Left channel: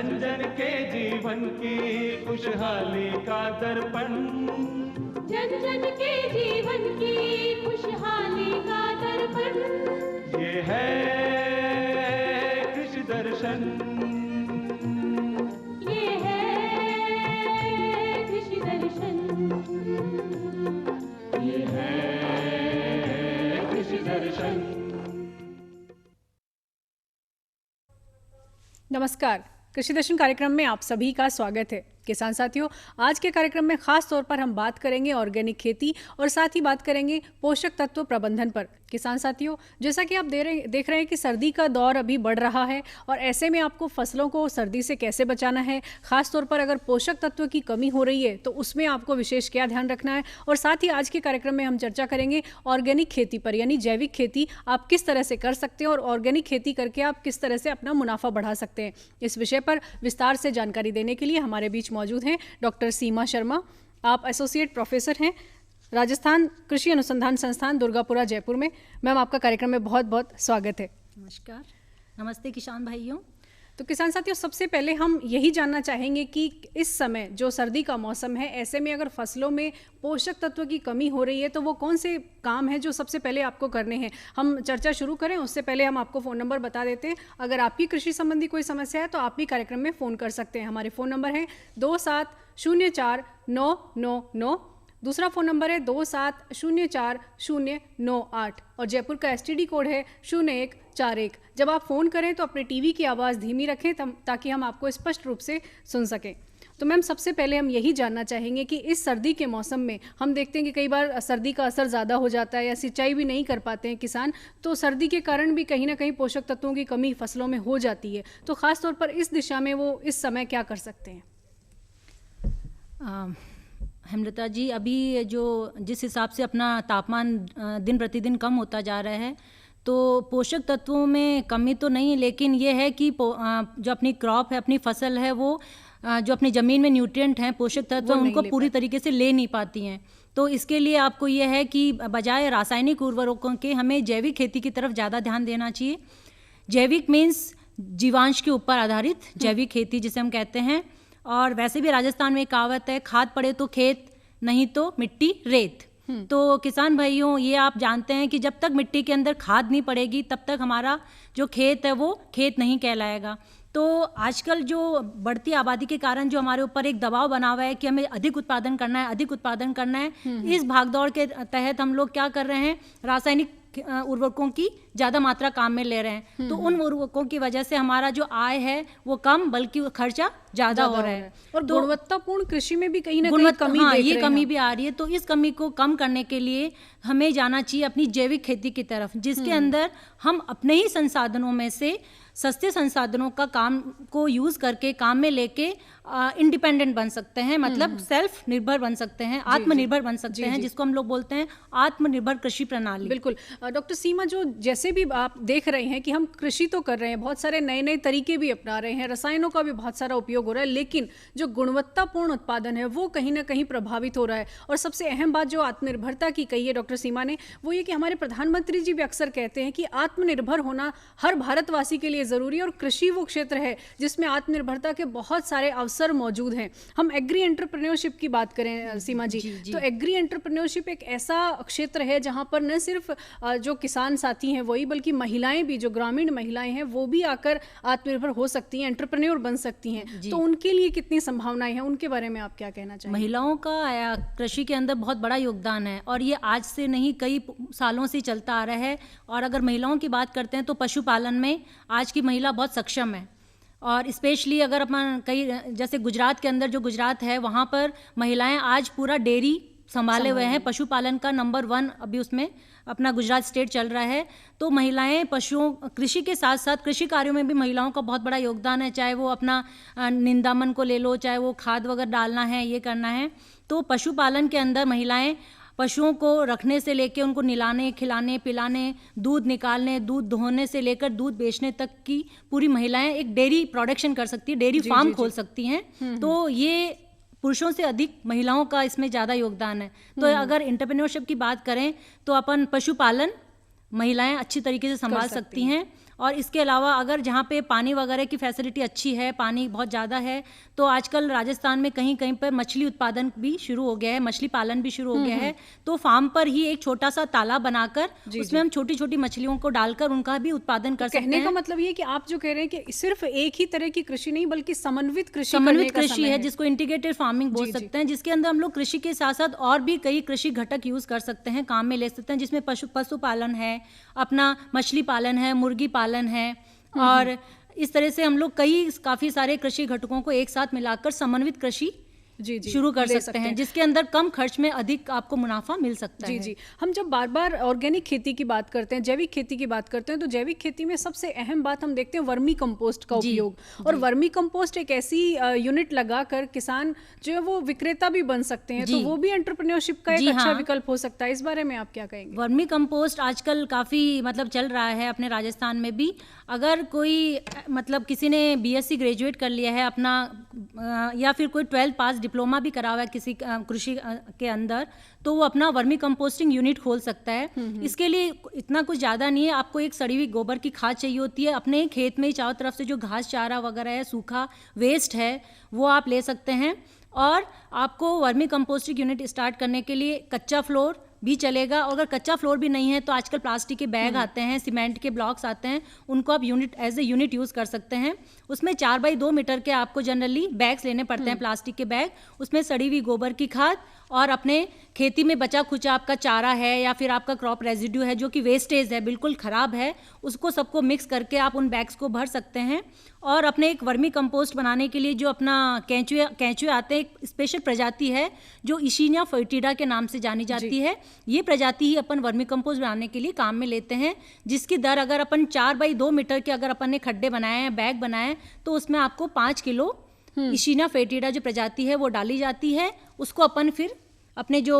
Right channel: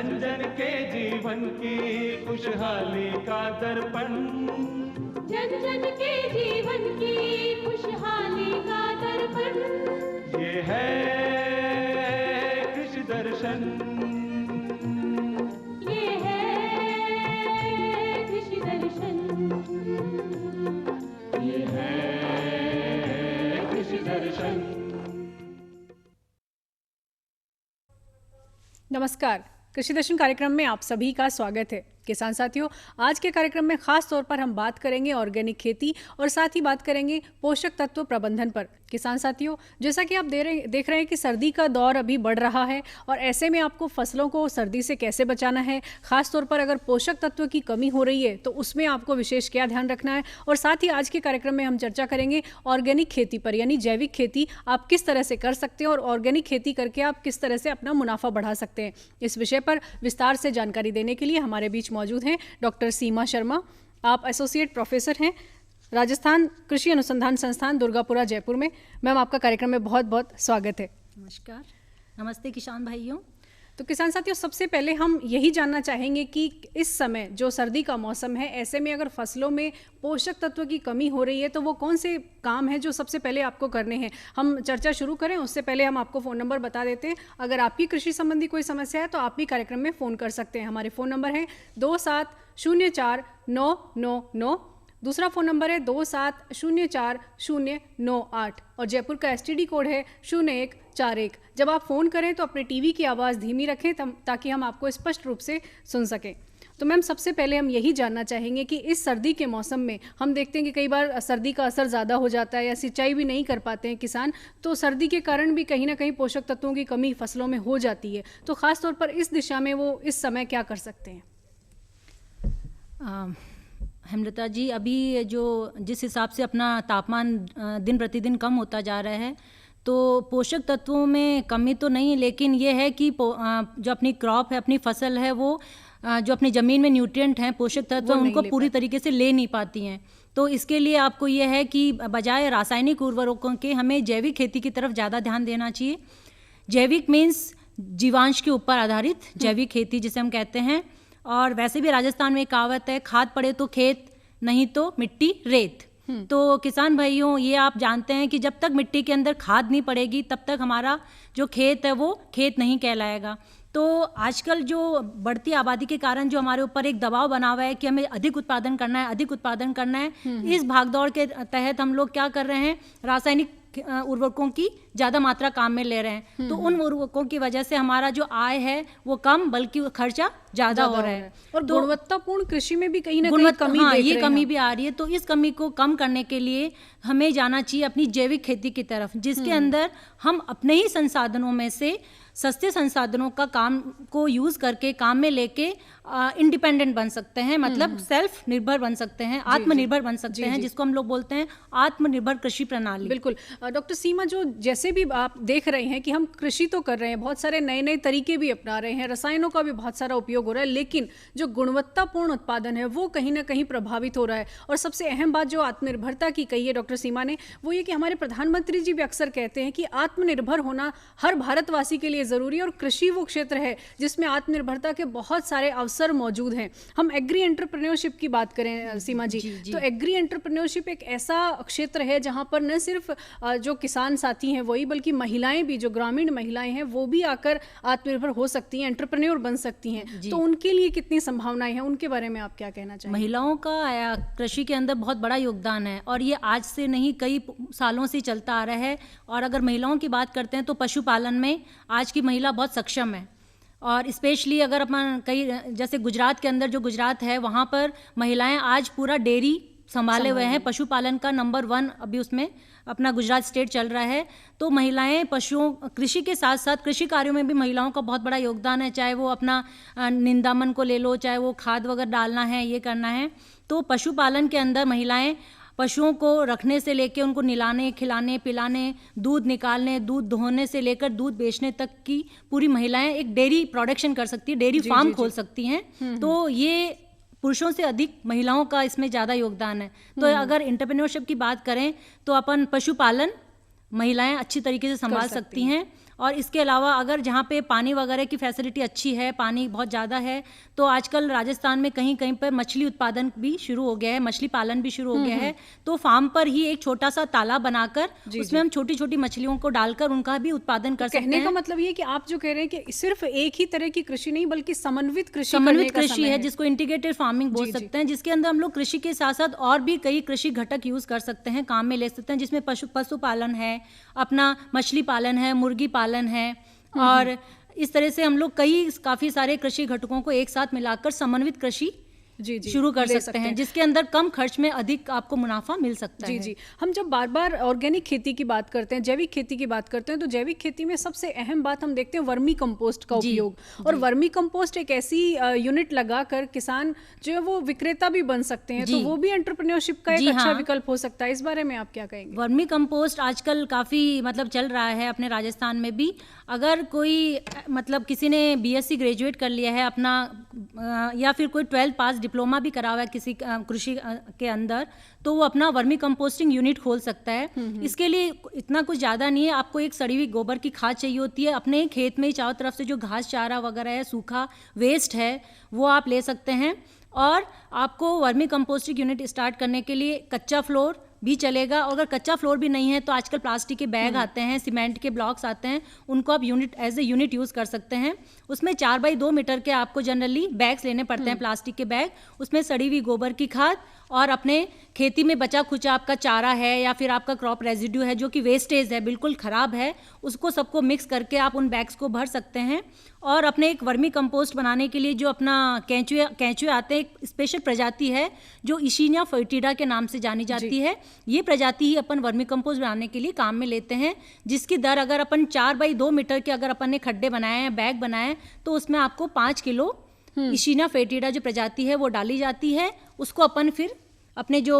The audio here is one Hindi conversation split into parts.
जन जन के जीवन की खुशहाली का दर्पण, जन जन के जीवन की खुशहाली का दर्पण, ये है कृषि दर्शन, ये है कृषि दर्शन, ये है कृषि दर्शन। नमस्कार, कृषि दर्शन कार्यक्रम में आप सभी का स्वागत है। किसान साथियों, आज के कार्यक्रम में खास तौर पर हम बात करेंगे ऑर्गेनिक खेती और साथ ही बात करेंगे पोषक तत्व प्रबंधन पर। किसान साथियों, जैसा कि आप देख रहे हैं कि सर्दी का दौर अभी बढ़ रहा है और ऐसे में आपको फसलों को सर्दी से कैसे बचाना है, खास तौर पर अगर पोषक तत्व की कमी हो रही है तो उसमें आपको विशेष क्या ध्यान रखना है। और साथ ही आज के कार्यक्रम में हम चर्चा करेंगे ऑर्गेनिक खेती पर, यानी जैविक खेती आप किस तरह से कर सकते हैं और ऑर्गेनिक खेती करके आप किस तरह से अपना मुनाफा बढ़ा सकते हैं। इस विषय पर विस्तार से जानकारी देने के लिए हमारे बीच मौजूद हैं डॉक्टर सीमा शर्मा। आप एसोसिएट प्रोफेसर हैं राजस्थान कृषि अनुसंधान संस्थान दुर्गापुरा जयपुर में। मैम, आपका कार्यक्रम में बहुत बहुत स्वागत है। नमस्कार, नमस्ते किसान भाइयों। तो किसान साथियों, सबसे पहले हम यही जानना चाहेंगे कि इस समय जो सर्दी का मौसम है, ऐसे में अगर फसलों में पोषक तत्व की कमी हो रही है तो वो कौन से काम हैं जो सबसे पहले आपको करने हैं। हम चर्चा शुरू करें उससे पहले हम आपको फ़ोन नंबर बता देते हैं। अगर आपकी कृषि संबंधी कोई समस्या है तो आप भी कार्यक्रम में फ़ोन कर सकते हैं। हमारे फ़ोन नंबर है 27049999, दूसरा फ़ोन नंबर है 27040098 और जयपुर का STD कोड है 0141। जब आप फ़ोन करें तो अपने टीवी की आवाज़ धीमी रखें ताकि हम आपको स्पष्ट रूप से सुन सकें। तो मैम, सबसे पहले हम यही जानना चाहेंगे कि इस सर्दी के मौसम में हम देखते हैं कि कई बार सर्दी का असर ज़्यादा हो जाता है या सिंचाई भी नहीं कर पाते हैं किसान, तो सर्दी के कारण भी कहीं ना कहीं पोषक तत्वों की कमी फसलों में हो जाती है। तो ख़ास तौर पर इस दिशा में वो इस समय क्या कर सकते हैं? हेमलता जी, अभी जिस हिसाब से अपना तापमान दिन प्रतिदिन कम होता जा रहा है तो पोषक तत्वों में कमी तो नहीं, लेकिन ये है कि जो अपनी क्रॉप है, अपनी फसल है, वो जो अपनी ज़मीन में न्यूट्रिएंट हैं, पोषक तत्व उनको पूरी तरीके से ले नहीं पाती हैं। तो इसके लिए आपको ये है कि बजाय रासायनिक उर्वरकों के हमें जैविक खेती की तरफ ज़्यादा ध्यान देना चाहिए। जैविक मीन्स जीवांश के ऊपर आधारित जैविक खेती जिसे हम कहते हैं। और वैसे भी राजस्थान में एक कहावत है, खाद पड़े तो खेत, नहीं तो मिट्टी रेत। तो किसान भाइयों, ये आप जानते हैं कि जब तक मिट्टी के अंदर खाद नहीं पड़ेगी तब तक हमारा जो खेत है वो खेत नहीं कहलाएगा। तो आजकल जो बढ़ती आबादी के कारण जो हमारे ऊपर एक दबाव बना हुआ है कि हमें अधिक उत्पादन करना है, अधिक उत्पादन करना है, इस भागदौड़ के तहत हम लोग क्या कर रहे हैं, रासायनिक उर्वरकों की ज़्यादा मात्रा काम में ले रहे हैं। तो उन उर्वरकों की वजह से हमारा जो आय है वो कम, बल्कि खर्चा ज़्यादा हो रहा है। और तो गुणवत्तापूर्ण कृषि में भी कहीं ना कहीं कमी ये कमी भी आ रही है। तो इस कमी को कम करने के लिए हमें जाना चाहिए अपनी जैविक खेती की तरफ, जिसके अंदर हम अपने ही संसाधनों में से, सस्ते संसाधनों का काम को यूज करके, काम में लेके इंडिपेंडेंट बन सकते हैं, मतलब सेल्फ निर्भर बन सकते हैं, आत्मनिर्भर बन सकते हैं, जिसको हम लोग बोलते हैं आत्मनिर्भर कृषि प्रणाली। बिल्कुल। डॉक्टर सीमा, जो जैसे भी आप देख रहे हैं कि हम कृषि तो कर रहे हैं, बहुत सारे नए नए तरीके भी अपना रहे हैं, रसायनों का भी बहुत सारा उपयोग हो रहा है, लेकिन जो गुणवत्तापूर्ण उत्पादन है वो कहीं ना कहीं प्रभावित हो रहा है। और सबसे अहम बात जो आत्मनिर्भरता की कही है डॉक्टर सीमा ने, वो ये कि हमारे प्रधानमंत्री जी भी अक्सर कहते हैं कि आत्मनिर्भर होना हर भारतवासी के लिए ज़रूरी है और कृषि वो क्षेत्र है जिसमें आत्मनिर्भरता के बहुत सारे अवसर मौजूद हैं। हम एग्री एंटरप्रेन्योरशिप की बात करें सीमा जी, तो एग्री एंटरप्रेन्योरशिप एक ऐसा क्षेत्र है जहां पर न सिर्फ जो किसान साथी हैं वही, बल्कि महिलाएं भी, जो ग्रामीण महिलाएं हैं वो भी आकर आत्मनिर्भर हो सकती हैं, एंटरप्रेन्योर बन सकती हैं। तो उनके लिए कितनी संभावनाएं हैं, उनके बारे में आप क्या कहना चाहेंगे? महिलाओं का कृषि के अंदर बहुत बड़ा योगदान है और ये आज से नहीं, कई सालों से चलता आ रहा है। और अगर महिलाओं की बात करते हैं तो पशुपालन में आज की महिला बहुत सक्षम है। और स्पेशली अगर अपन कई, जैसे गुजरात के अंदर, जो गुजरात है, वहाँ पर महिलाएं आज पूरा डेयरी संभाले हुए हैं। पशुपालन का नंबर 1 अभी उसमें अपना गुजरात स्टेट चल रहा है। तो महिलाएं पशुओं, कृषि के साथ साथ कृषि कार्यों में भी महिलाओं का बहुत बड़ा योगदान है, चाहे वो अपना निंदामन को ले लो, चाहे वो खाद वगैरह डालना है, ये करना है। तो पशुपालन के अंदर महिलाएं पशुओं को रखने से लेकर उनको निलाने, खिलाने, पिलाने, दूध निकालने, दूध धोने से लेकर दूध बेचने तक की पूरी महिलाएं एक डेयरी प्रोडक्शन कर सकती है, डेयरी फार्म खोल सकती हैं। तो ये पुरुषों से अधिक महिलाओं का इसमें ज़्यादा योगदान है। तो अगर एंटरप्रेन्योरशिप की बात करें तो अपन पशुपालन महिलाएं अच्छी तरीके से संभाल सकती हैं। और इसके अलावा अगर जहाँ पे पानी वगैरह की फैसिलिटी अच्छी है, पानी बहुत ज़्यादा है, तो आजकल राजस्थान में कहीं कहीं पर मछली उत्पादन भी शुरू हो गया है, मछली पालन भी शुरू हो गया है। तो फार्म पर ही एक छोटा सा तालाब बनाकर उसमें हम छोटी छोटी मछलियों को डालकर उनका भी उत्पादन कर सकते हैं। कहने का मतलब ये कि आप जो कह रहे हैं कि सिर्फ एक ही तरह की कृषि नहीं बल्कि समन्वित कृषि है, जिसको इंटीग्रेटेड फार्मिंग बोल सकते हैं, जिसके अंदर हम लोग कृषि के साथ साथ और भी कई कृषि घटक यूज कर सकते हैं, काम में ले सकते हैं, जिसमें पशुपालन है, अपना मछली पालन है, मुर्गी पालन है, और इस तरह से हम लोग काफी सारे कृषि घटकों को एक साथ मिलाकर समन्वित कृषि शुरू कर सकते हैं, जिसके अंदर कम खर्च में अधिक आपको मुनाफा मिल सकता है। जी। हम जब बार बार ऑर्गेनिक खेती की बात करते हैं, जैविक खेती की बात करते हैं, तो जैविक खेती में सबसे अहम बात हम देखते हैं वर्मी कंपोस्ट का उपयोग। और वर्मी कंपोस्ट एक ऐसी यूनिट लगाकर किसान जो है वो विक्रेता भी बन सकते हैं, तो वो भी एंटरप्रेन्योरशिप का एक अच्छा विकल्प हो सकता है। इस बारे में आप क्या कहेंगे? वर्मी कंपोस्ट आजकल काफी चल रहा है अपने राजस्थान में भी। अगर कोई किसी ने बीएससी ग्रेजुएट कर लिया है अपना, या फिर कोई 12th पास डिप्लोमा भी करा हुआ है किसी कृषि के अंदर, तो वो अपना वर्मी कंपोस्टिंग यूनिट खोल सकता है। इसके लिए इतना कुछ ज़्यादा नहीं है, आपको एक सड़ी हुई गोबर की खाद चाहिए होती है। अपने खेत में चारों तरफ से जो घास चारा वगैरह है, सूखा वेस्ट है, वो आप ले सकते हैं। और आपको वर्मी कंपोस्टिंग यूनिट स्टार्ट करने के लिए कच्चा फ्लोर भी चलेगा, और अगर कच्चा फ्लोर भी नहीं है तो आजकल प्लास्टिक के बैग आते हैं, सीमेंट के ब्लॉक्स आते हैं, उनको आप एज ए यूनिट यूज़ कर सकते हैं। उसमें 4x2 मीटर के आपको जनरली बैग्स लेने पड़ते हैं, प्लास्टिक के बैग। उसमें सड़ी हुई गोबर की खाद और अपने खेती में बचा खुचा आपका चारा है या फिर आपका क्रॉप रेजिड्यू है जो कि वेस्टेज है, बिल्कुल ख़राब है, उसको सबको मिक्स करके आप उन बैग्स को भर सकते हैं। और अपने एक वर्मी कंपोस्ट बनाने के लिए जो अपना केंचुए आते हैं, एक स्पेशल प्रजाति है जो इशीनिया फोएटिडा के नाम से जानी जाती है। ये प्रजाति ही अपन वर्मी कंपोस्ट बनाने के लिए काम में लेते हैं, जिसकी दर अगर अपन 4x2 मीटर के अगर अपन ने खड्डे बनाए हैं, बैग बनाए, तो उसमें आपको 5 किलो इशीनिया फोएटिडा जो प्रजाति है वो डाली जाती है। उसको अपन फिर अपने जो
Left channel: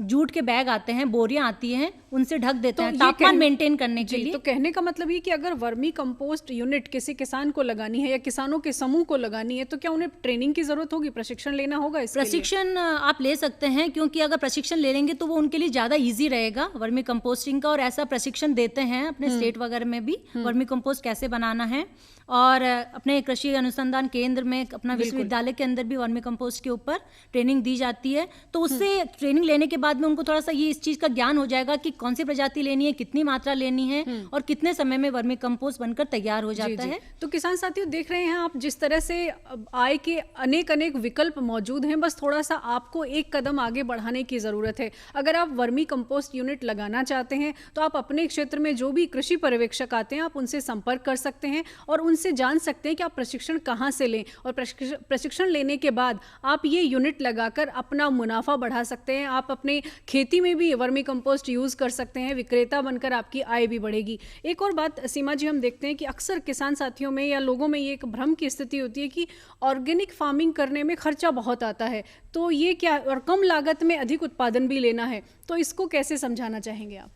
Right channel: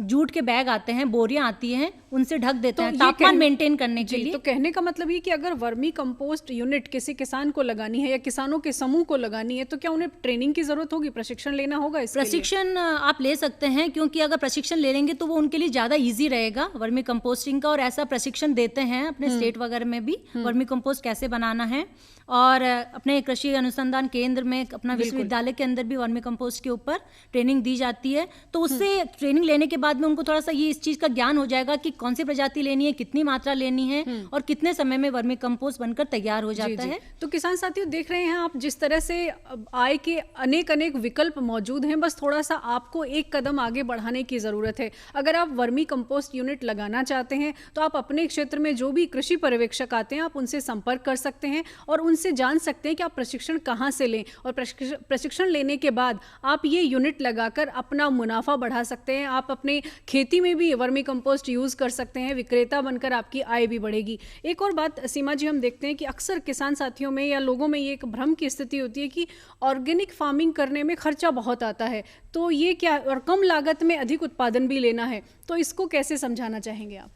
जूट के बैग आते हैं, बोरियां आती हैं, उनसे ढक देते हैं तापमान मेंटेन करने के लिए। तो कहने का मतलब ये कि अगर वर्मी कंपोस्ट यूनिट किसी किसान को लगानी है या किसानों के समूह को लगानी है, तो क्या उन्हें ट्रेनिंग की जरूरत होगी, प्रशिक्षण लेना होगा? इसके प्रशिक्षण आप ले सकते हैं, क्योंकि अगर प्रशिक्षण ले लेंगे तो वो उनके लिए ज़्यादा ईजी रहेगा वर्मी कंपोस्टिंग का। और ऐसा प्रशिक्षण देते हैं अपने स्टेट वगैरह में भी, वर्मी कंपोस्ट कैसे बनाना है। और अपने कृषि अनुसंधान केंद्र में, अपना विश्वविद्यालय के अंदर भी वर्मी कंपोस्ट के ऊपर ट्रेनिंग दी जाती है। तो उससे ट्रेनिंग लेने के बाद में उनको थोड़ा सा ये इस चीज़ का ज्ञान हो जाएगा कि कौन सी प्रजाति लेनी है, कितनी मात्रा लेनी है, और कितने समय में वर्मी कंपोस्ट बनकर तैयार हो जाता है। तो किसान साथियों, देख रहे हैं आप जिस तरह से आय के अनेक विकल्प मौजूद हैं, बस थोड़ा सा आपको एक कदम आगे बढ़ाने की ज़रूरत है। अगर आप वर्मी कंपोस्ट यूनिट लगाना चाहते हैं तो आप अपने क्षेत्र में जो भी कृषि पर्यवेक्षक आते हैं, आप उनसे संपर्क कर सकते हैं और उनसे जान सकते हैं कि आप प्रशिक्षण कहाँ से लें। और प्रशिक्षण लेने के बाद आप ये यूनिट लगाकर अपना मुनाफा बढ़ा सकते हैं। आप अपने खेती में भी वर्मी कंपोस्ट यूज़ कर सकते हैं, विक्रेता बनकर आपकी आय भी बढ़ेगी। एक और बात सीमा जी, हम देखते हैं कि अक्सर किसान साथियों में या लोगों में ये एक भ्रम की स्थिति होती है कि ऑर्गेनिक फार्मिंग करने में खर्चा बहुत आता है, तो ये क्या, और कम लागत में अधिक उत्पादन भी लेना है, तो इसको कैसे समझाना चाहेंगे आप?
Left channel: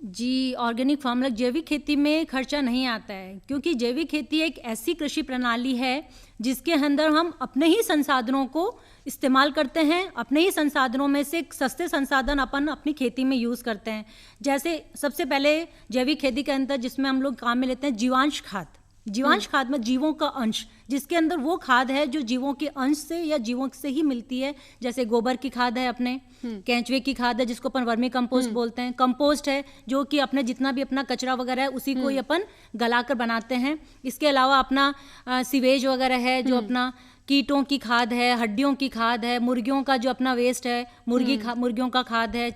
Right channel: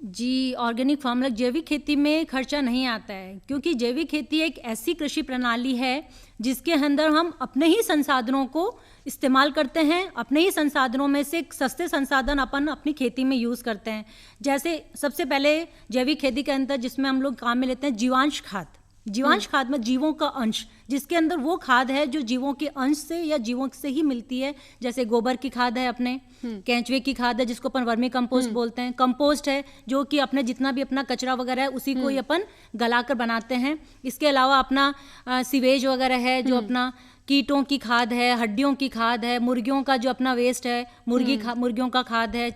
जी, ऑर्गेनिक फार्म जैविक खेती में खर्चा नहीं आता है, क्योंकि जैविक खेती एक ऐसी कृषि प्रणाली है जिसके अंदर हम अपने ही संसाधनों को इस्तेमाल करते हैं। अपने ही संसाधनों में से सस्ते संसाधन अपन अपनी खेती में यूज़ करते हैं। जैसे सबसे पहले जैविक खेती के अंदर जिसमें हम लोग काम में लेते हैं जीवांश खाद। जीवांश खाद में जीवों का अंश, जिसके अंदर वो खाद है जो जीवों के अंश से या जीवों से ही मिलती है। जैसे गोबर की खाद है, अपने केंचुए की खाद है जिसको अपन वर्मी कंपोस्ट बोलते हैं। कंपोस्ट है जो कि अपने जितना भी अपना कचरा वगैरह है उसी को ही अपन गलाकर बनाते हैं। इसके अलावा अपना सीवेज वगैरह है जो अपना कीटों की खाद है, हड्डियों की खाद है, मुर्गियों का जो अपना वेस्ट है, मुर्गियों का खाद है।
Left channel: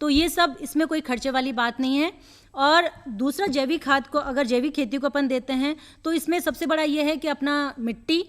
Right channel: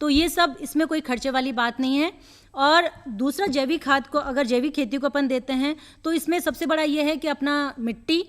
तो ये सब, इसमें कोई खर्चे वाली बात नहीं है। और दूसरा, जैविक खाद को अगर जैविक खेती को अपन देते हैं तो इसमें सबसे बड़ा ये है कि अपना मिट्टी,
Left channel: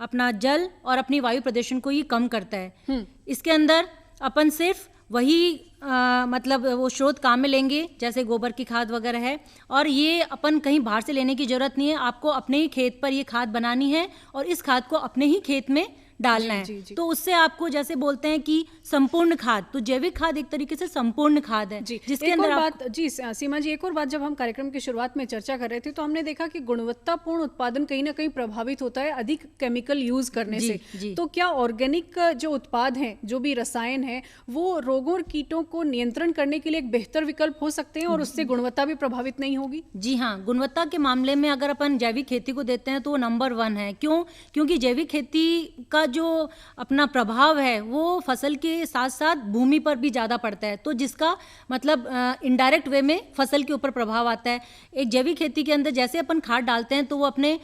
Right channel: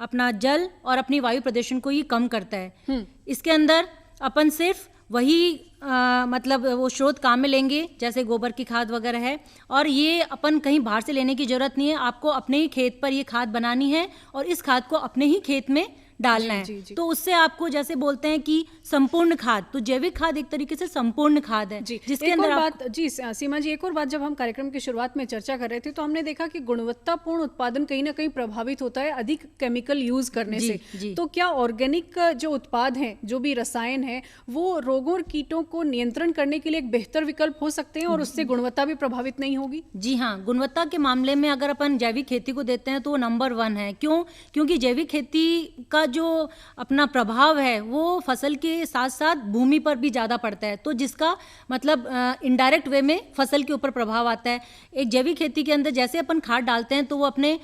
अपना जल और अपनी वायु प्रदूषण को ये कम करता है। इसके अंदर अपन सिर्फ वही वो स्रोत काम में लेंगे जैसे गोबर की खाद वगैरह है, और ये अपन कहीं बाहर से लेने की ज़रूरत नहीं है। आपको अपने ही खेत पर ये खाद बनानी है और इस खाद को अपने ही खेत में डालना जी, है। जी। तो उससे आपको जैसे बोलते हैं कि संपूर्ण खाद, तो जैविक खाद एक तरीके से संपूर्ण खाद है जी, जिसके एक अंदर और आप बात जी सीमा जी, एक और बात, जब हम कार्यक्रम की शुरुआत में चर्चा कर रहे थे तो हमने देखा कि गुणवत्तापूर्ण उत्पादन कहीं ना कहीं प्रभावित होता है अधिक केमिकल यूज करने जी, से। जी। तो क्या ऑर्गेनिक जो उत्पाद हैं, जो भी रसायन है, वो रोगों और कीटों को नियंत्रण करने के लिए एक बेहतर विकल्प हो सकते हैं और उससे गुणवत्ता भी प्रभावित नहीं होगी? जी हाँ, गुणवत्ता के मामले में अगर अपन जैविक खेती को देते हैं तो वो नंबर 1 है। क्यों? क्योंकि जैविक खेती का जो अपना प्रभाव है वो फसल के साथ साथ भूमि पर भी ज़्यादा पड़ता है, तो जिसका मतलब इनडायरेक्ट वे में फसल के ऊपर प्रभाव आता है। एक जैविक खेती के अंदर जैसे अपन खाद डालते हैं तो वो अपने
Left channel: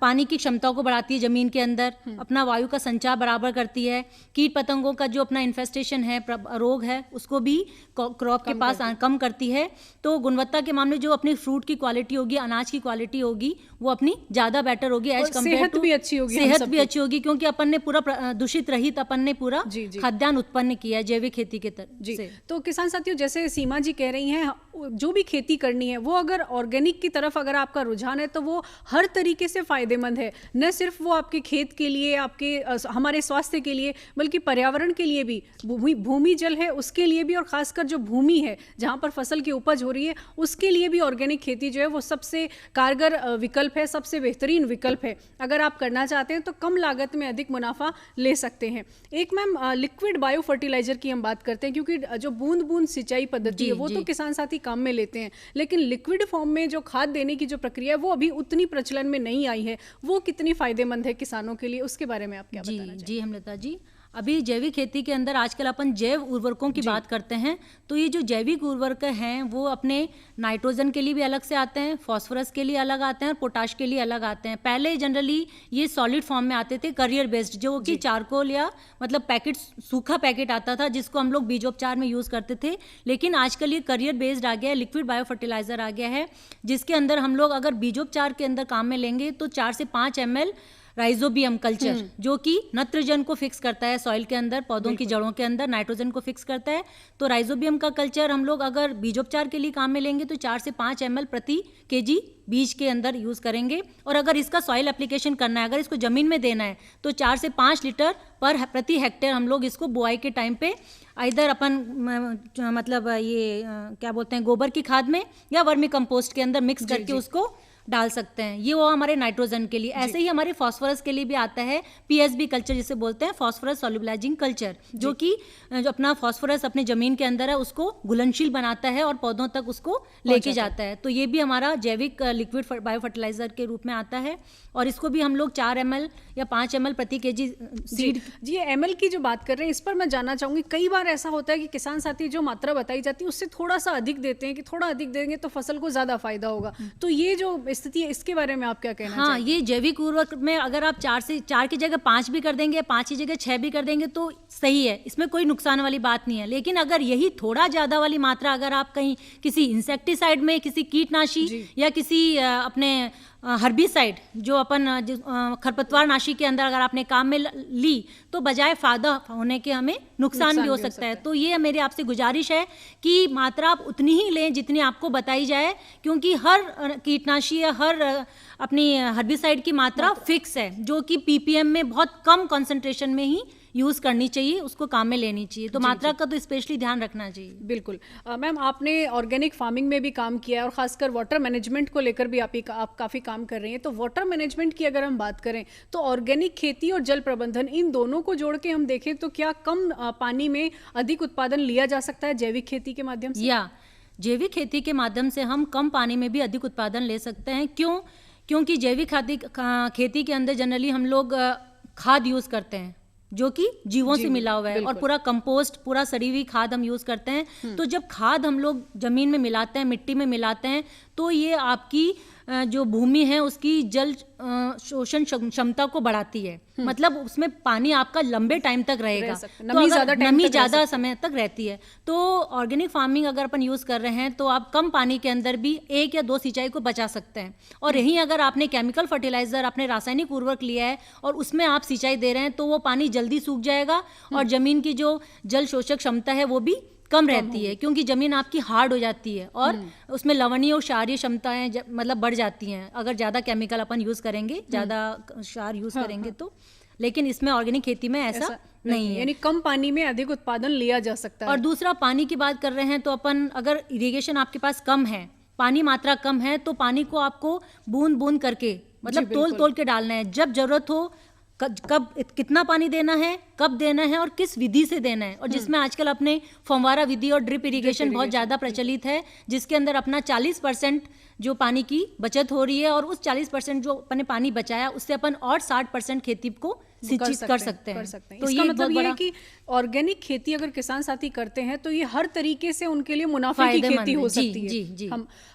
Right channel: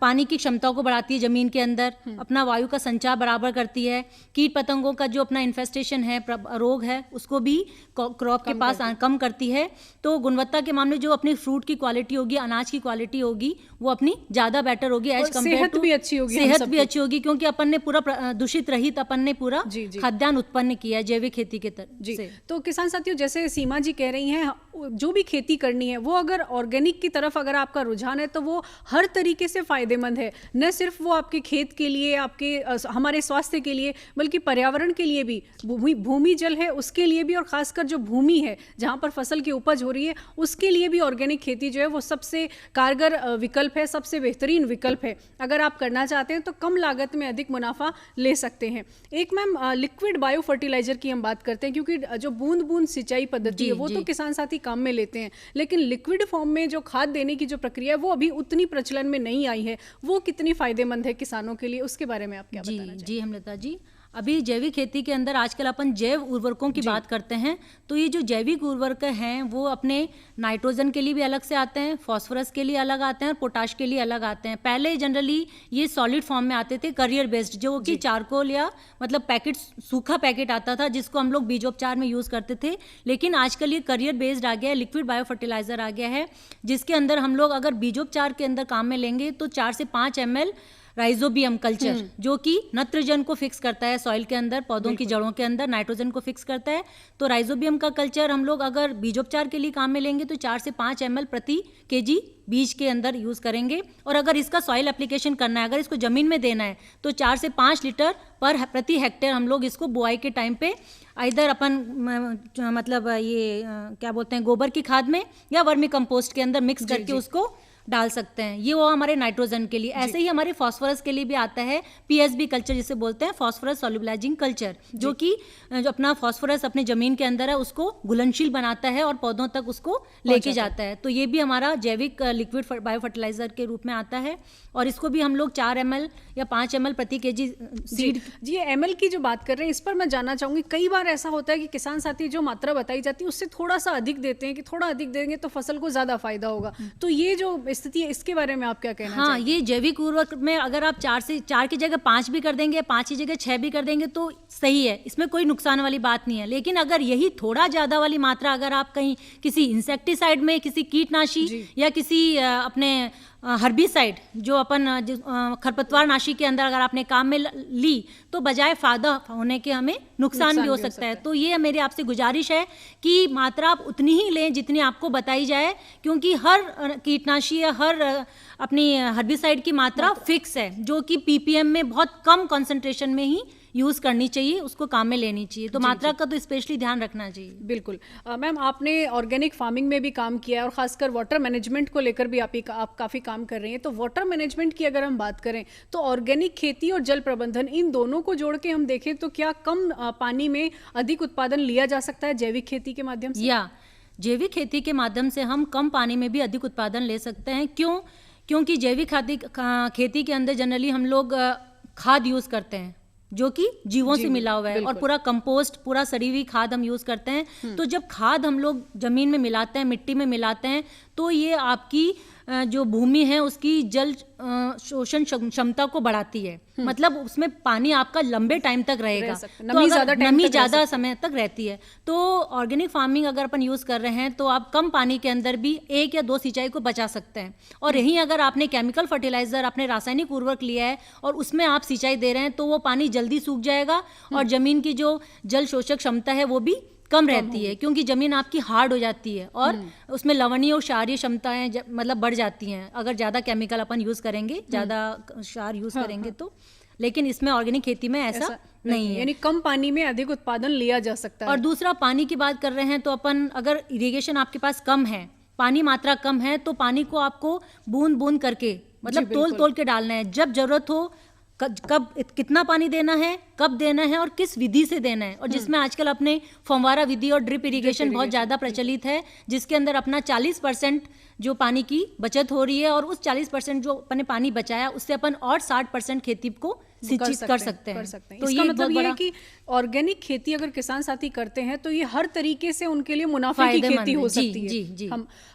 पानी की क्षमता को बढ़ाती है ज़मीन के अंदर, अपना वायु का संचार बराबर करती है, कीट पतंगों का जो अपना इन्फेस्टेशन है, रोग है, उसको भी क्रॉप के पास कम करती है। तो गुणवत्ता के मामले जो अपनी फ्रूट की क्वालिटी होगी, अनाज की क्वालिटी होगी, वो अपनी ज़्यादा बेटर होगी एज कम्पेयर सेहत टू, भी अच्छी होगी, हम सेहत सबकी। भी अच्छी होगी क्योंकि अपन ने पूरा दूषित रहित अपन ने पूरा जी, जी। खाद्यान्न उत्पन्न किया है जैविक खेती के जी, से। तो किसान साथियों, जैसे सीमा जी कह रही हैं, जो भी खेती करनी है वो अगर ऑर्गेनिक की तरफ अगर आपका रुझान है तो वो हर तरीके से फायदेमंद है। न सिर्फ वो आपके खेत के लिए, आपके हमारे स्वास्थ्य के लिए, बल्कि पर्यावरण के लिए भी, भूमि जल है उसके लिए भी, और खासकर जो भूमि है जहाँ पर फसल की उपज हो रही है उसके लिए भी ऑर्गेनिक खेती जो है वो सबसे कारगर विकल्प है, सबसे बेहतरीन विकल्प है। अगर आप करना चाहते हैं तो कम लागत में अधिक मुनाफा ले सकते हैं। एक मैम, लिक्विड बायो फर्टिलाइजर की हम बात करते हैं, क्योंकि जो बूंद बूंद सिंचाई पद्धति है वो तो किसान साथी काम में लेते हैं, लेकिन लिक्विड फॉर्म में जो खाद देने की जो प्रक्रिया है वो अभी उतनी प्रचलन में नहीं आई है। वो कितनी फायदेमंद है किसानों के लिए, उसके बारे में आप क्या बताना चाहेंगे? जी हेमलता जी, अभी जैविक खेती के अंदर आजकल अपन जैव उर्वरकों की बात करते हैं, तो ये जो जैविक उर्वरक हैं वो अपने नाइट्रोजन के लिए भी अलग से आते हैं, फास्फोरस के लिए अलग आते हैं, पोटाश के लिए अलग आते हैं। पहले जनरली ये सॉलिड फॉर्म में आते थे, करियर बेस्ड, जो कि चारकोल या मतलब पैकेट, सूखा पैकेट आता था जिसको हम लोग बीजोपचार में यूज करते थे। लेकिन आजकल ये करियर बेस्ड आ गया है, लिक्विड बायो फर्टिलाइजर आ गया है, जिसके अंदर हम लोग अगर बीजोपचार के अंदर काम में लेंगे तो 4 से 5 ml राइजोबियम कल्चर, जो कि नत्रजन को फिक्स करता है सॉइल के अंदर, पौधों की जड़ों के अंदर नाइट्रोजन को फिक्स करता है। तो राइजोबियम का कल्चर हम लोग अगर बीजोपचार के लिए काम में लेंगे तो 4 से 5 ml प्रति केजी बीज के अंदर यूज करेंगे। और अगर इसका सॉइल एप्लीकेशन करना है, अगर इसको जमीन में देना है तो 4 से 5 लीटर प्रति हेक्टेयर हम लोग इसको बुआई के टाइम पे इधर अपन मतलब ये क्या बोलते हैं, गोबर की खाद में या वर्मी कंपोस्ट के अंदर मिक्स करके उसको डाल सकते हैं। ये वो हमारे नाइट्रोजन के लिए। ऐसे ही हमारे फास्फोरस के लिए भी आता है पीएसबी कल्चर, जिसे बोलते हैं फास्फोरस सोल्युबलाइजिंग कल्चर, जो कि जो अपना फास्फोरस अपने जमीन के अंदर है उसको घुलनशील बनाता है और पौधों तक उसको लेके जाता है। तो ये भी हमारा जैविक लिक्विड बायो फर्टिलाइजर के रूप में आता है, और इसको भी हम लोग 4 ml या 5 ml प्रति केजी सीड। जी, ml की जो बात कर रहे हैं इस पर मैं जानना चाहूंगी, कई बार ऐसा होता है कि किसान साथी जो मात्रा बताई जाती है उससे थोड़ा सा अधिक देते हैं कि थोड़ा अधिक देंगे तो फसल को ज्यादा फायदा होगा, तो ये जो स्थिति है इसके बारे में आप क्या कहना हाँ, चाहेंगे? ये जैविक उर्वरक में अगर आप 4 की जगह 5 भी कर देंगे, 5 की जगह 6 भी कर देंगे तो सही है, इसमें कोई नुकसान वाली बात नहीं है। लेकिन अगर यही थोड़ा ज्यादा वाली मात्रा अगर आप कहीं किसी इंसेक्टिसाइड में, किसी कीटनाशी या किसी अपने हर्बिसाइड जो अपन खरपतवार नाशी के अंदर अगर आपने काम में ली तो बजाय फायदा होने के हमें नुकसान भी हो सकता है। तो ये मेरी आपसे गुजारिश है कि मात्रा आप उतनी ही लें जितनी आपको बताई जाए, क्योंकि हर कीटनाशी या हर अपनी हर्बिसाइड की मात्रा फिक्स है, जो कि पीपीएम में बहुत कम कंसंट्रेशन में ही यूज करनी चाहिए, उसको काम में लेनी चाहिए। तो मात्रा का तो स्पेशली ध्यान रखना चाहिए। बिल्कुल। मैम, आपने ऑर्गेनिक फार्मिंग में भी काम किया है और खासकर वाटर मैनेजमेंट को लेकर भी आप काफ़ी काम कर रही हैं। तो वाटर मैनेजमेंट की अगर हम बात करें तो ऑर्गेनिक खेती और जल प्रबंधन, इन दोनों को जोड़ के हम देखें तो क्या कम पानी में अधिक उत्पादन लिया जा सकता है जैविक खेती के माध्यम से? या जैविक खेती के माध्यम से हम कम पानी में भी अधिक उत्पादन ले सकते हैं। क्यों? क्योंकि जैविक खेती के अंदर जनरली हम लोग खाद यूज करते हैं जो कि जीवों से मिला हुआ है, और पूरा कंपोस्ट, पूरा सड़ी हुई खाद हम यूज करते हैं। तो जब खाद हम लोग जमीन में मिलाते हैं, मिट्टी में मिलाते हैं, तो ये आपकी जो भूमि है उसकी जल शोषण क्षमता को बढ़ाती है। मतलब उसमें पानी आपका लंबे टाइम तक रहेगा, नमी ज्यादा समय तक रहती है। तो ऑर्गेनिक फार्मिंग अगर अपन यूज कर रहे हैं तो आप कम पानी के अंदर भी 1 या 2 सिंचाई को बचा सकते हैं। और यही अगर आपने केमिकल फर्टिलाइजर, आपने रासायनिक उर्वरक लिया है और उसमें आप सिंचाई दे रहे हैं तो वो पानी जल्दी सूख जाएगा और जमीन की जो जल शोषक क्षमता है वो भी कम रहती है, क्योंकि जमीन आपकी हार्ड हो जाती है और उसमें लवणीय और क्षारीय क्षमताएं मतलब बढ़ जाती हैं अगर ज्यादा केमिकल अपन यूज करेंगे, ज्यादा क्षार यूज करेंगे तो। लेकिन इसमें ऑर्गेनिक खेती में ऐसा नहीं है। यानी कम पानी में अधिक उत्पादन लिया जा सकता है। और दूसरा, पानी की बात कर रहे हैं तो अपन अगर इरिगेशन आपके पास कम है, पानी मात्रा कम है, तो पानी को आपको बूंद बूंद करके मतलब तोल तोल के डालना है। जब जरूरत हो कब कितना पानी देना है, कब देना है और किस विधि से देना है। और जिसमें आजकल अपने फव्वारा विधि और ड्रिप इरिगेशन बहुत ज्यादा प्रचलित है, जिसके अंदर अपना 40% जो पानी की बचत हो रही है और उस 40% जो अपने पानी बचाया उससे अपन और 60% खेती को सिंचित कर सकते हैं। तो इसका मतलब ये है कि ऑर्गेनिक खेती अगर किसान साथी करते हैं तो ये हर तरीके से उनके लिए मुनाफे की खेती हो सकती है। जी।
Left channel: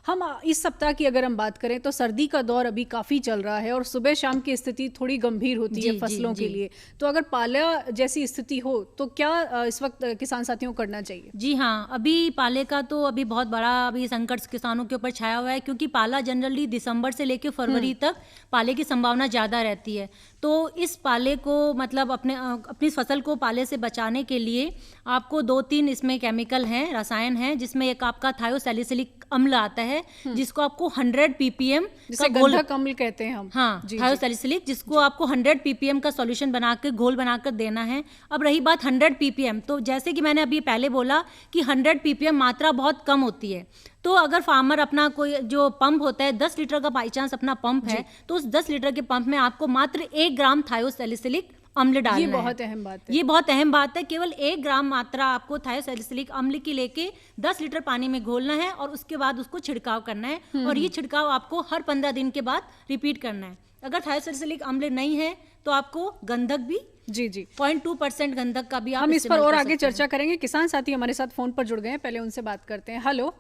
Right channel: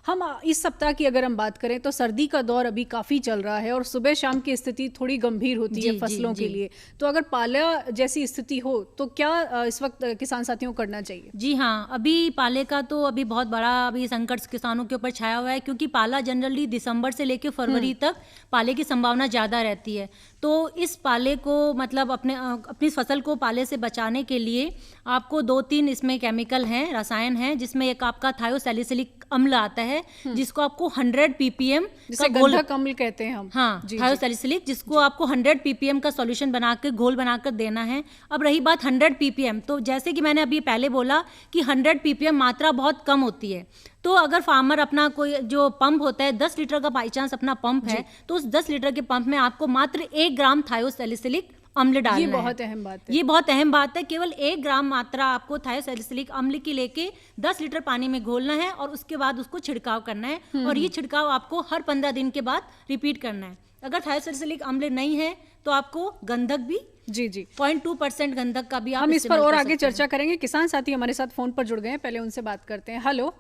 हम इस सप्ताह की अगर हम बात करें तो सर्दी का दौर अभी काफी चल रहा है और सुबह शाम की स्थिति थोड़ी गंभीर होती है फसलों के लिए। तो अगर पाला जैसी स्थिति हो तो क्या इस वक्त किसान साथियों को करना चाहिए? जी हाँ, अभी पाले का तो अभी बहुत बड़ा अभी संकट किसानों के ऊपर छाया हुआ है, क्योंकि पाला जनरली दिसंबर से लेकर फरवरी तक पाले की संभावना ज्यादा रहती है। तो इस पाले को मतलब अपनी फसल को पाले से बचाने के लिए आपको 2-3 इसमें केमिकल हैं, रसायन हैं, जिसमें एक आपका थायोसैलिसिलिक अम्ल आता है जिसको आपको 100 ppm जिसे गंधक अम्ल कहते हैं हम। हाँ, थायोसैलिसिलिक, जिसको आपको 100 ppm का सॉल्यूशन बनाकर घोल बनाकर देना है। अब रही बात 100 ppm, तो जैसे कि मैंने अभी पहले बोला कि 100 ppm मात्रा बहुत कम होती है। तो अगर फार्मर अपना कोई जो पंप होता है 10 लीटर का बाई चांस अपना पंप है, तो उस 10 लीटर के पंप में आपको मात्र 1 ग्राम थायोसैलिसिलिक अम्ल डालना है। ये बहुत अहम बात है। ये बहुत अहम बात है। केवल 1 ग्राम मात्रा आपको थायोसैलिसिलिक अम्ल की लेके 10 लीटर पानी में घोलना है और उसके बाद उसको छिड़काव करना है। और ये छिड़काव आपको हर 15 दिन के बाद रिपीट करना है। अगर थायोसैलिसिलिक अम्ल नहीं है तो आपको गंधक भी 0.2% गंधक का भी हम इस पर और आगे चर्चा करेंगे। किसान साथी हमारे साथ फोन पर जुड़ गए हैं, पहले उनसे बात करते हैं। हेलो।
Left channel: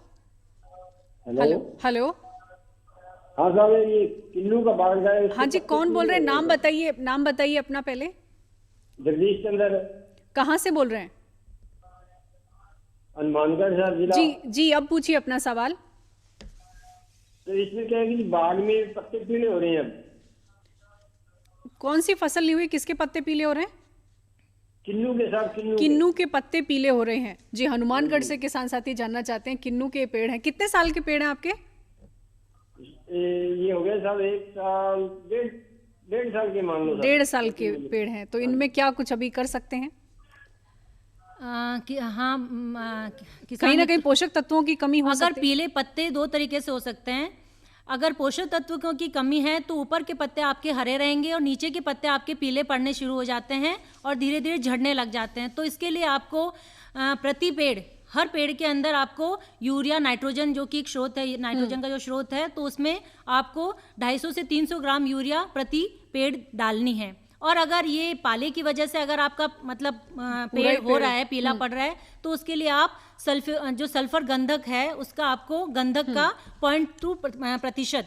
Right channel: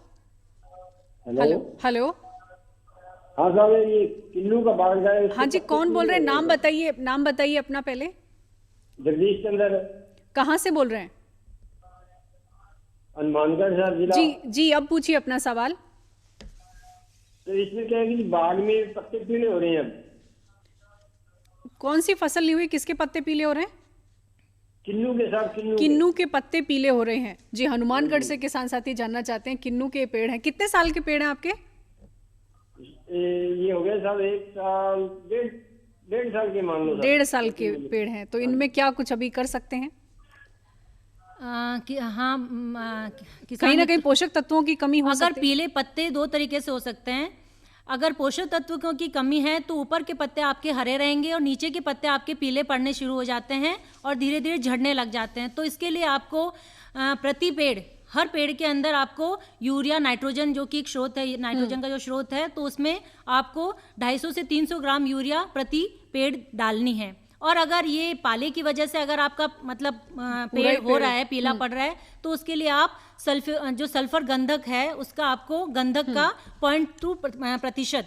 हाँ साहब, ये किन्नू का बाग है। हाँ जी, कौन बोल रहे हैं? नाम बताइए अपना पहले। जगदीश चंद्र। कहाँ से बोल रहे हैं? हनुमानगढ़ जिला। जी, अब पूछिए अपना सवाल। तो इसमें क्या है कि बाग में पत्ते पीले हो रहे हैं। कौन सी फसल ली हुई, किसके पत्ते पीले हो रहे हैं? किन्नू के साथ किन्नू के पत्ते पीले हो रहे हैं। जी, हनुमानगढ़ से किसान साथी जानना चाहते हैं। किन्नू के पेड़ हैं, कितने साल के पेड़ हैं आपके? ये हो गया साहब 1 साल, 1.5 साल के मान लो। 1.5 साल के पेड़ हैं, तो इनमें क्या कुछ अभी कर सकते हैं? कहीं ना कहीं पोषक तत्वों की कमी हो सकती है। अगर पीले पत्ते 2 तरीके से हो सकते हैं। अगर पोषक तत्वों की कमी है तो ऊपर के पत्ते आपके हरे रहेंगे और नीचे के पत्ते आपके पीले पड़ने शुरू हो जाते हैं और धीरे धीरे झड़ने लग जाते हैं। तो इसके लिए आपको प्रति पेड़, हर पेड़ के अंदर आपको यूरिया, नाइट्रोजन जो कि एक स्रोत है, नाइट्रोजन का जो स्रोत है, तो उसमें आपको 250 से 300 ग्राम यूरिया प्रति पेड़ डालनी है। और अगर ये पाले की वजह से अगर आपका मतलब पेड़ हो रहा है, पीला पड़ रहा है, तो उसके लिए आप सल्फर गंधक है उसका आपको गंधक का 0.2%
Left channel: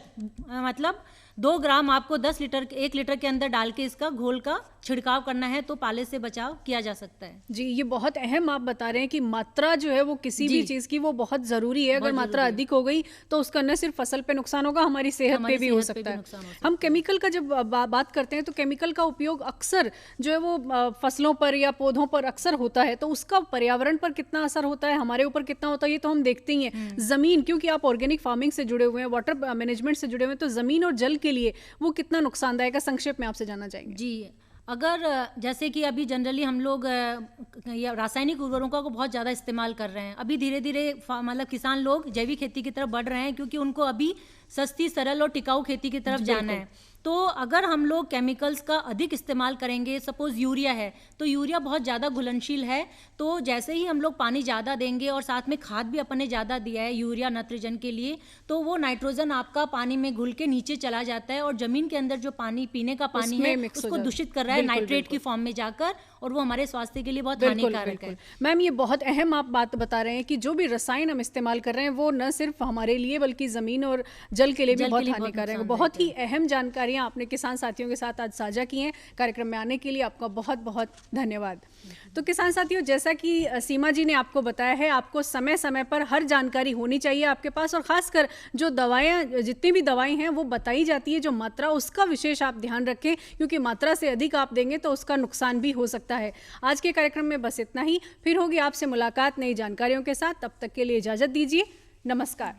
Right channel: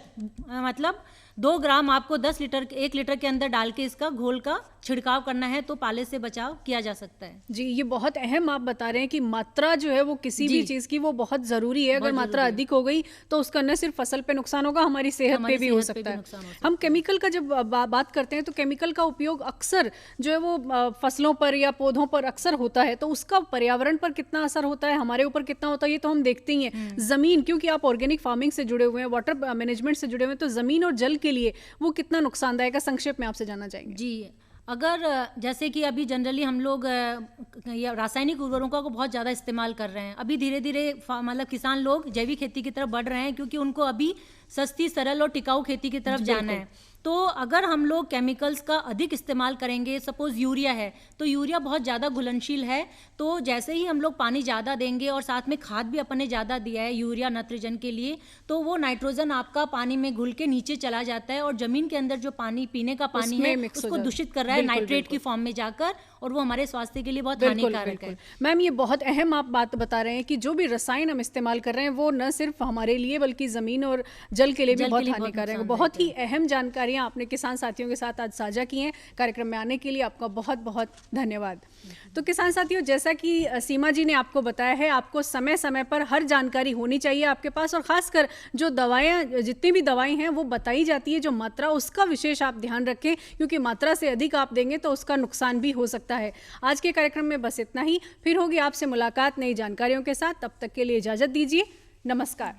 मतलब 2 ग्राम आपको 1 लीटर के अंदर डाल के इसका घोल का छिड़काव करना है, तो पाले से बचाव किया जा सकता है। जी, ये बहुत अहम आप बता रहे हैं कि मात्रा जो है वो किसी भी चीज की वो बहुत जरूरी है। अगर मात्रा अधिक हो गई तो उसका न सिर्फ फसल पे नुकसान होगा, हमारी सेहत पे भी हो सकता है। हम केमिकल का जब बात करते हैं तो केमिकल का उपयोग अक्सर जो है वो फसलों पर या पौधों पर अक्सर होता है, तो उसका पर्यावरण पर कितना असर होता है, हमारे ऊपर कितना होता है, ये तो हम देखते ही हैं। जमीन, क्योंकि आप ऑर्गेनिक फार्मिंग से जुड़े हुए हैं, वाटर मैनेजमेंट से जुड़े हुए हैं, तो जमीन और जल के लिए वो कितना नुकसानदायक है, संक्षेप में आपसे जानना चाहेंगे। जी, अगर जैसे कि अभी जनरली हम लोग रासायनिक उर्वरकों को बहुत ज़्यादा इस्तेमाल कर रहे हैं। अभी धीरे धीरे मतलब किसान लोग जैविक खेती की तरफ बढ़ रहे हैं, क्योंकि उनको अभी सस्ती, सरल और टिकाऊ खेती की तरफ जाना है। तो अगर हम लोग केमिकल्स का अधिक इस्तेमाल करेंगे, सपोज यूरिया है तो यूरिया बहुत ज़्यादा घुलनशील है, तो जैसे ही हम लोग पानी ज़्यादा देंगे और साथ में खाद भी अपन ने ज़्यादा दिया है यूरिया नाइट्रोजन के लिए, तो वो नाइट्रोजन आपका पानी में घुल के नीचे चला जाता है और ज़मीन के अंदर जो पानी, पीने का पानी है, उसको दूषित कर रहा है नाइट्रेट की फॉर्म में जाकर, और वो हमारे स्वास्थ्य के लिए बहुत हानिकारक है। मैम, ये बहुत अहम आप बात बता रहे हैं कि जो भी रसायन हम इस्तेमाल कर रहे हैं वो न सिर्फ हमारे लिए बल्कि ज़मीन और जल के लिए भी बहुत हानिकारक है। बहुत ही अहम जानकारियाँ आपने किसान साथियों के साथ आज साझा की हैं। कार्यक्रम में आने के लिए आपका बहुत बहुत धन्यवाद। तो किसान साथियों, जैसा कि सीमा जी ने आपको बताया है, आपको समय समय पर हर जानकारी होनी चाहिए आपके पास, और खासकर जो दवाएं, जितनी भी दवाएं हैं वो बताई जाती है, जो मात्रा, उसका विशेष आप ध्यान रखें, क्योंकि मात्रा से अधिक आप देंगे तो उसका नुकसान भी हो सकता है। आज के कार्यक्रम में बस इतना ही, फिर होगी आपसे मुलाकात नई जानकारियों के साथ। तब तक के लिए इजाजत दीजिए, नमस्कार।